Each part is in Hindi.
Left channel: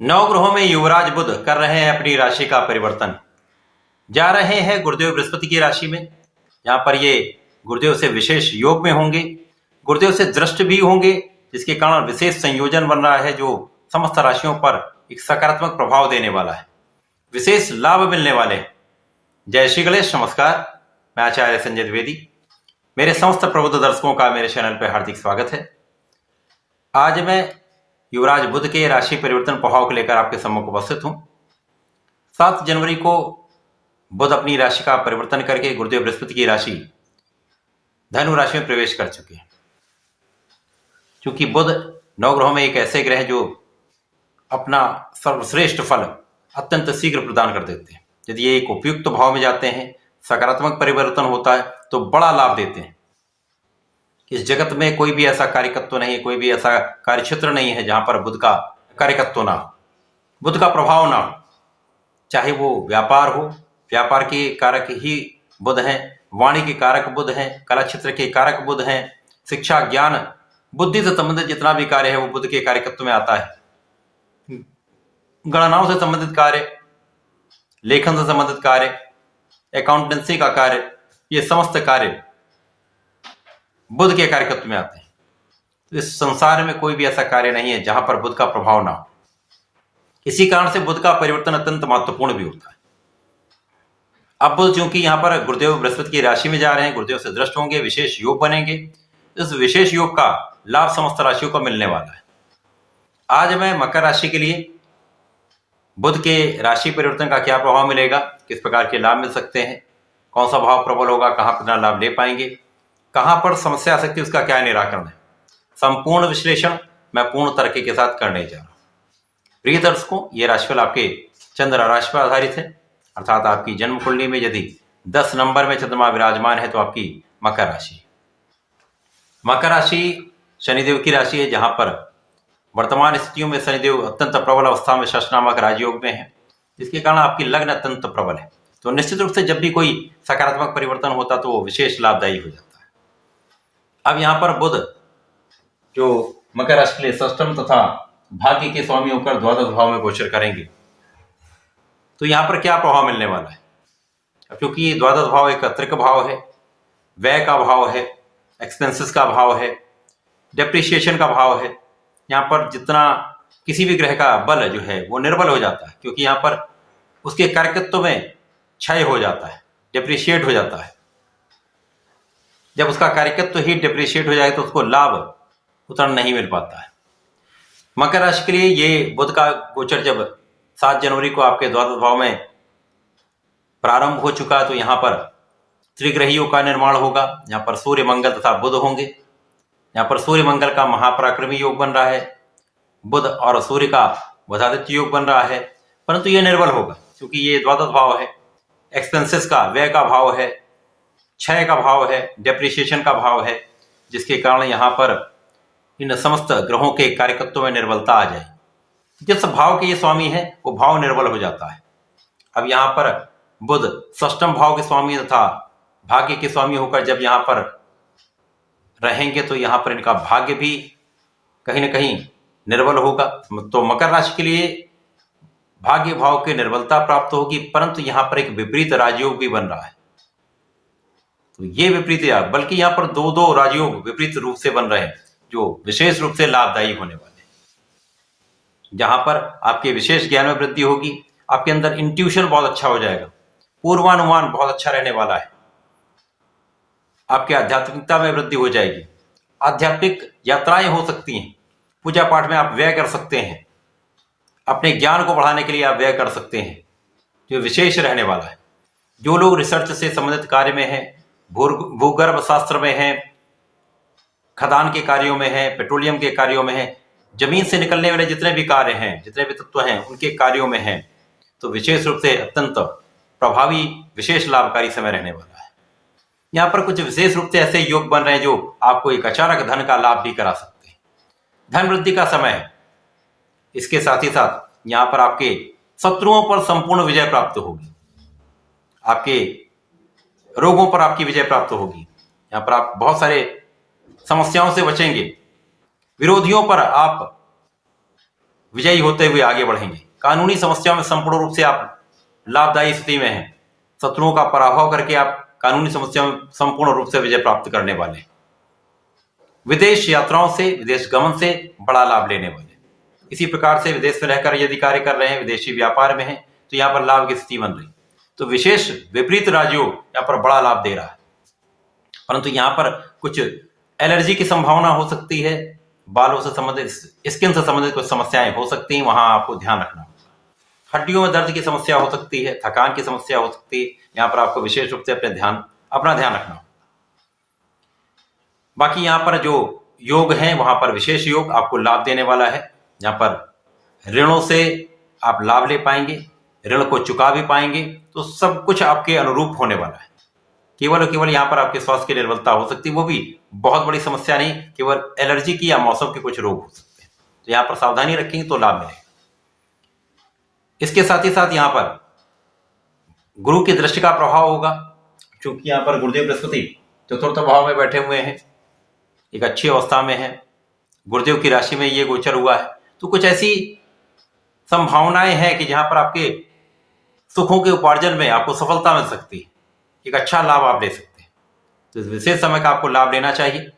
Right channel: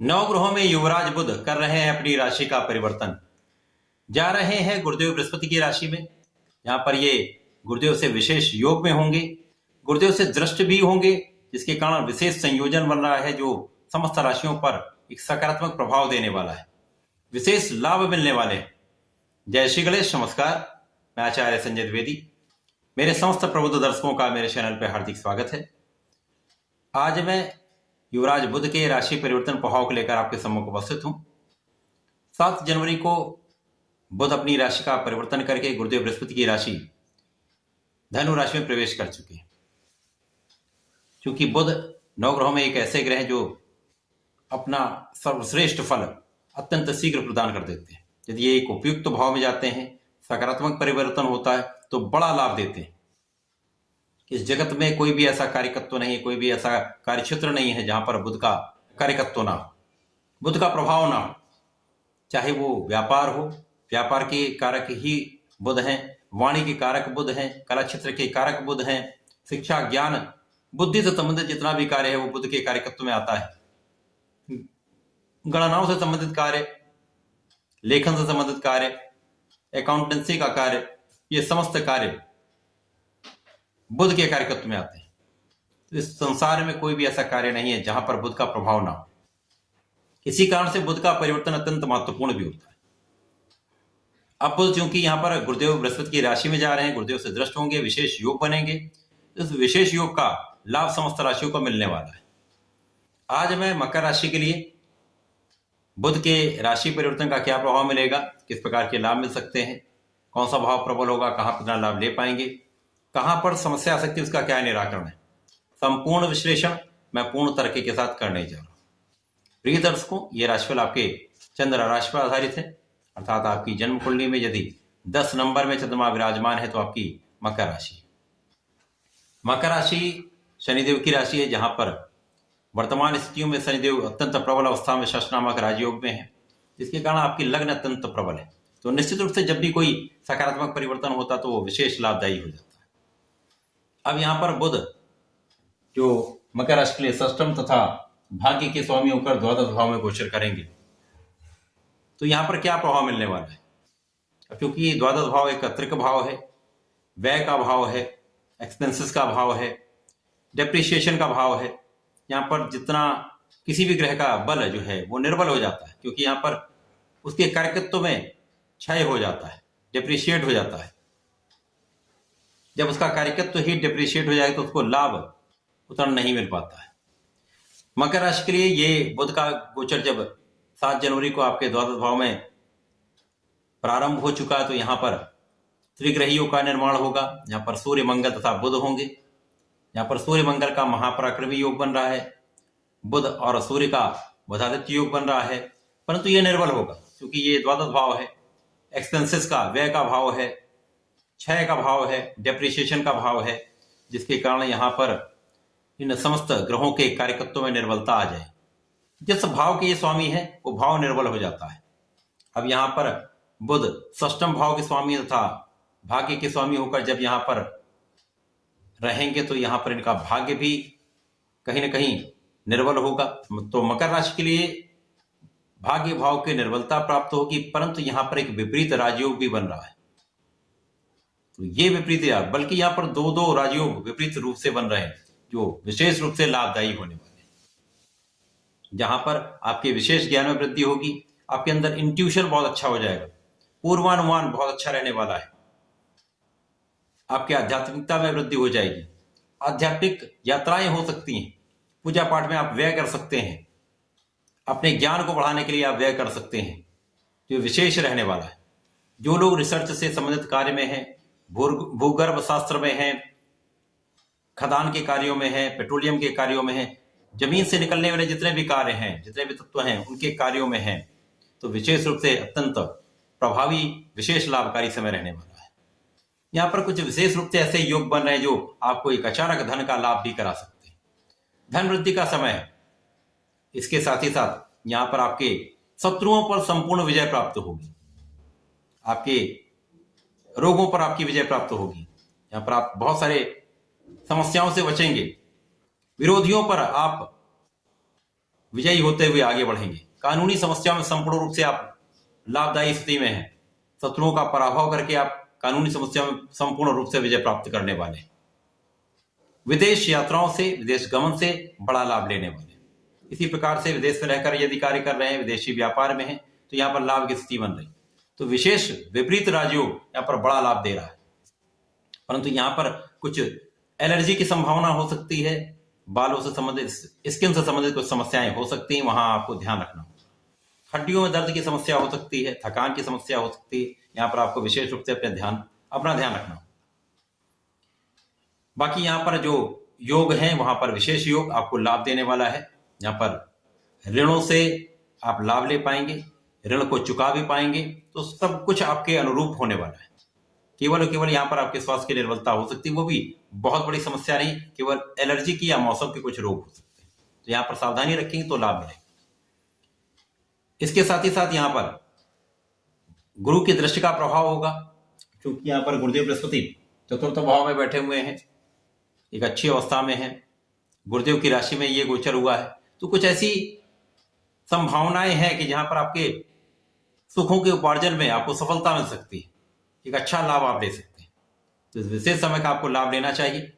नवग्रहों में युवराज बुध कर रहे हैं अपनी राशि का परिवर्तन। जा रहे हैं गुरुदेव बृहस्पति की राशि में। यहां पर ये गुरुदेव से विशेष योग में होंगे, गुरुदेव से दृष्ट भी होंगे, जिसके कारण विशेष संयोजन बन रहा है जो समस्त राशियों पर एक सकारात्मक प्रभाव देने वाला है, विशेष लाभ मिलने वाले हैं। जय श्री गणेश, नमस्कार। मैं आचार्य संजय द्विवेदी, मेरे समस्त प्रबुद्ध दर्शकों का मेरे चैनल पर हार्दिक स्वागत है। आज मैं युवराज बुध के राशि परिवर्तन प्रभाव को लेकर आपके सम्मुख उपस्थित हूं। 7 जनवरी को बुध अपनी राशि का परिवर्तन करके गुरुदेव बृहस्पति की राशि धनु राशि में प्रवेश कर चुके हैं। क्योंकि बुध नवग्रहों में एक ऐसे ग्रह जो अपना सर्वश्रेष्ठ फल अत्यंत शीघ्र प्रदान कर देते हैं। यदि ये एक उपयुक्त भाव में जाते हैं, सकारात्मक परिवर्तन होता है तो बड़ा लाभ देते हैं। इस जगत में कोई भी ऐसा कार्यकत्व नहीं है, कोई भी ऐसा कार्यक्षेत्र नहीं है जहां पर बुध का कार्यकत्व ना हो, बुध का प्रभाव ना हो। चाहे वो व्यापार हो, व्यापार के कारक ही बुध हैं, वाणी के कारक बुध हैं, कला क्षेत्र के कारक बुध हैं, शिक्षा ज्ञान बुद्धि से संबंधित जितना भी कार्य है वो बुध के कार्यकत्व में आता है। गणनाओं से संबंधित कार्य, लेखन से संबंधित कार्य, अकाउंटेंसी का कार्य, ये समस्त कार्य बुध के कार्यकत्व में आते हैं। तो इस संसार में कोई भी ऐसा कार्य नहीं है जहां पर बुध का प्रभाव ना हो। इसी कारण से बुध का परिवर्तन अत्यंत महत्वपूर्ण भी होता है। अब बुध चूंकि यहां पर गुरुदेव बृहस्पति की राशि में जा रहे हैं, गुरुदेव से दृष्ट होंगे, विशेष योग बनेंगे। इस विशेष योग का लाभ समस्त राशियों को मिलने वाला है। आज मैं मकर राशि के लिए बुध के राशि परिवर्तन का क्या प्रभाव मिलेगा, किस प्रकार के लाभ मिल सकते हैं, कौन सा भाव प्रबल होगा, कहां पर कितना लाभ ले पाएंगे, कहां पर समस्या आ सकती है, उसका क्या निराकरण है, संपूर्ण विश्लेषण मैं पूर्ण तरीके के साथ करने जा रहा हूं। प्रिय दर्शकों, ये राशिफल आपके चंद्र राशि पर आधारित है, अर्थात आपकी जन्म कुंडली में यदि 10 नंबर में चंद्रमा विराजमान है तो आपकी मकर राशि। मकर राशि शनिदेव की राशि है, जहां पर वर्तमान स्थितियों में शनिदेव अत्यंत प्रबल अवस्था में षष्ठ नामक राजयोग में है, जिसके कारण आपकी लग्न अत्यंत प्रबल है। तो निश्चित रूप से जब भी कोई सकारात्मक परिवर्तन होता तो वो विशेष लाभदायी हो जाता है। अब यहां पर बुध जो मकर राशि के लिए षष्ठम तथा भाग्य के स्वामी होकर द्वादश भाव में गोचर करेंगे, तो यहां पर क्या प्रभाव मिलने वाला है। क्योंकि ये द्वादश भाव एक त्रिक भाव है, व्यय का भाव है, एक्सपेंसेस का भाव है, डेप्रिसिएशन का भाव है। यहां पर जितना किसी भी ग्रह का बल जो है वो निर्बल हो जाता है, क्योंकि यहां पर उसके कार्यकत्व में क्षय हो जाता है, डिप्रिशिएट हो जाता है। जब उसका कार्यकत्व ही डिप्रिशिएट हो जाए तो उसको लाभ उतना नहीं मिल पाता है। मकर राशि के लिए ये बुध का गोचर जब 7 जनवरी को आपके द्वादश भाव में प्रारंभ हो चुका है तो यहाँ पर त्रिग्रहियों का निर्माण होगा। यहाँ पर सूर्य मंगल तथा बुध होंगे। यहाँ पर सूर्य मंगल का महापराक्रमी योग बन रहा है, बुध और सूर्य का बुधादित्य योग बन रहा है, परंतु ये निर्बल होगा क्योंकि ये द्वादश भाव है, एक्सपेंसेस का, व्यय का भाव है, क्षय का भाव है, डेप्रिसिएशन का भाव है, जिसके कारण यहाँ पर इन समस्त ग्रहों के कार्यकत्व में निर्बलता आ जाए। जिस भाव के ये स्वामी है वो भाव निर्बल हो जाता है। अब यहाँ पर बुध षष्ठम भाव के स्वामी तथा भाग्य के स्वामी होकर जब यहाँ पर रहेंगे तो यहाँ पर इनका भाग्य भी कहीं ना कहीं निर्बल होगा। तो मकर राशि के लिए भाग्य भाव की निर्बलता प्राप्त होगी, परंतु यहाँ पर एक विपरीत राजयोग भी बन रहा है। तो ये विपरीत, बल्कि यहाँ पर 2 राजयोग विपरीत रूप से बन रहे हैं जो विशेष रूप से लाभदायी होने वाले हैं। जहां पर आपके विशेष ज्ञान में वृद्धि होगी, आपके अंदर इंट्यूशन बहुत अच्छा हो जाएगा, पूर्वानुमान बहुत अच्छा रहने वाला है, आपकी आध्यात्मिकता में वृद्धि हो जाएगी, आध्यात्मिक यात्राएं हो सकती हैं, पूजा पाठ में आप व्यय कर सकते हैं, अपने ज्ञान को बढ़ाने के लिए आप व्यय कर सकते हैं, जो विशेष रहने वाला है। जो लोग रिसर्च से संबंधित कार्य में हैं, भूगर्भ शास्त्र में हैं, खदान के कार्यों में हैं, पेट्रोलियम के कार्यों में हैं, जमीन से निकलने वाले जितने भी कार्य हैं, जितने भी तत्व हैं, उनके कार्यों में हैं, तो विशेष रूप से अत्यंत प्रभावी, विशेष लाभकारी समय रहने वाला है। यहाँ पर कुछ विशेष रूप से ऐसे योग बन रहे हैं जो आपको एक अचानक धन का लाभ भी करा सकते हैं। धन वृद्धि का समय है। इसके साथ ही साथ यहाँ पर आपके शत्रुओं पर संपूर्ण विजय प्राप्त होगी, आपके रोगों पर आपकी विजय प्राप्त होगी। यहाँ पर आप बहुत सारे समस्याओं से बचेंगे, विरोधियों पर आप विजयी होते हुए आगे बढ़ेंगे। कानूनी समस्याओं में संपूर्ण रूप से आप लाभदायी स्थिति में हैं। शत्रुओं का पराभव करके आप कानूनी समस्याओं में संपूर्ण रूप से विजय प्राप्त करने वाले हैं। विदेश यात्राओं से, विदेश गमन से बड़ा लाभ लेने वाले। इसी प्रकार से विदेश में रहकर यदि कार्य कर रहे हैं, विदेशी व्यापार में हैं, तो यहाँ पर लाभ की स्थिति बन रही। तो विशेष विपरीत राजयोग यहाँ पर बड़ा लाभ दे रहा है, परंतु यहाँ पर कुछ एलर्जी की संभावना हो सकती है, बालों से संबंधित, स्किन से संबंधित कुछ समस्याएं हो सकती हैं, वहां आपको ध्यान रखना होगा। हड्डियों में दर्द की समस्या हो सकती है, थकान की समस्या हो सकती है, यहाँ पर आपको विशेष रूप से अपना ध्यान रखना होगा। बाकी यहाँ पर जो योग है वहां पर विशेष योग आपको लाभ देने वाला है। यहाँ पर ऋणों से आप लाभ ले पाएंगे, ऋण को चुका भी पाएंगे, तो सब कुछ आपके अनुरूप होने वाला है। केवल और केवल यहाँ पर आपके स्वास्थ्य की निर्बलता हो सकती है, वो भी बहुत बड़ी समस्या नहीं, केवल एलर्जी की या मौसम के कुछ रोग हो सकते हैं, तो यहाँ पर सावधानी रखेंगे तो लाभ मिलेगा। इसके साथ ही साथ यहाँ पर गुरु की दृष्टि का प्रभाव होगा, क्योंकि यहाँ पर गुरुदेव बृहस्पति चतुर्थ भाव में बैठे हुए हैं, एक अच्छी अवस्था में है, गुरुदेव की राशि में ये गोचर हुआ है, तो कुछ ऐसी संभावनाएं हैं कि जहां पर आपके सुखों के उपार्जन में आपको सफलता मिल सकती है, एक अच्छा लाभ आप ले सकते हैं। तो इस विशेष समय का आपको लाभ लेना चाहिए।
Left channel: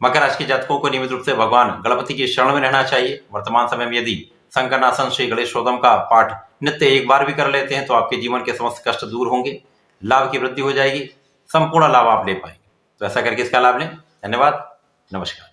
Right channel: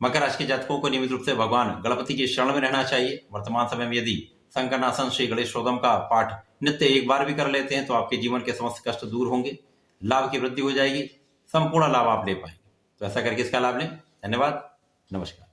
मकर राशि के जातकों को नियमित रूप से भगवान गणपति की शरण में रहना चाहिए। वर्तमान समय में यदि संकटनाशन श्री गणेश शोधम का पाठ नित्य एक बार भी कर लेते हैं तो आपके जीवन के समस्त कष्ट दूर होंगे, लाभ की वृद्धि हो जाएगी, संपूर्ण लाभ आप ले पाएंगे। तो ऐसा करके इसका लाभ लें। धन्यवाद, नमस्कार।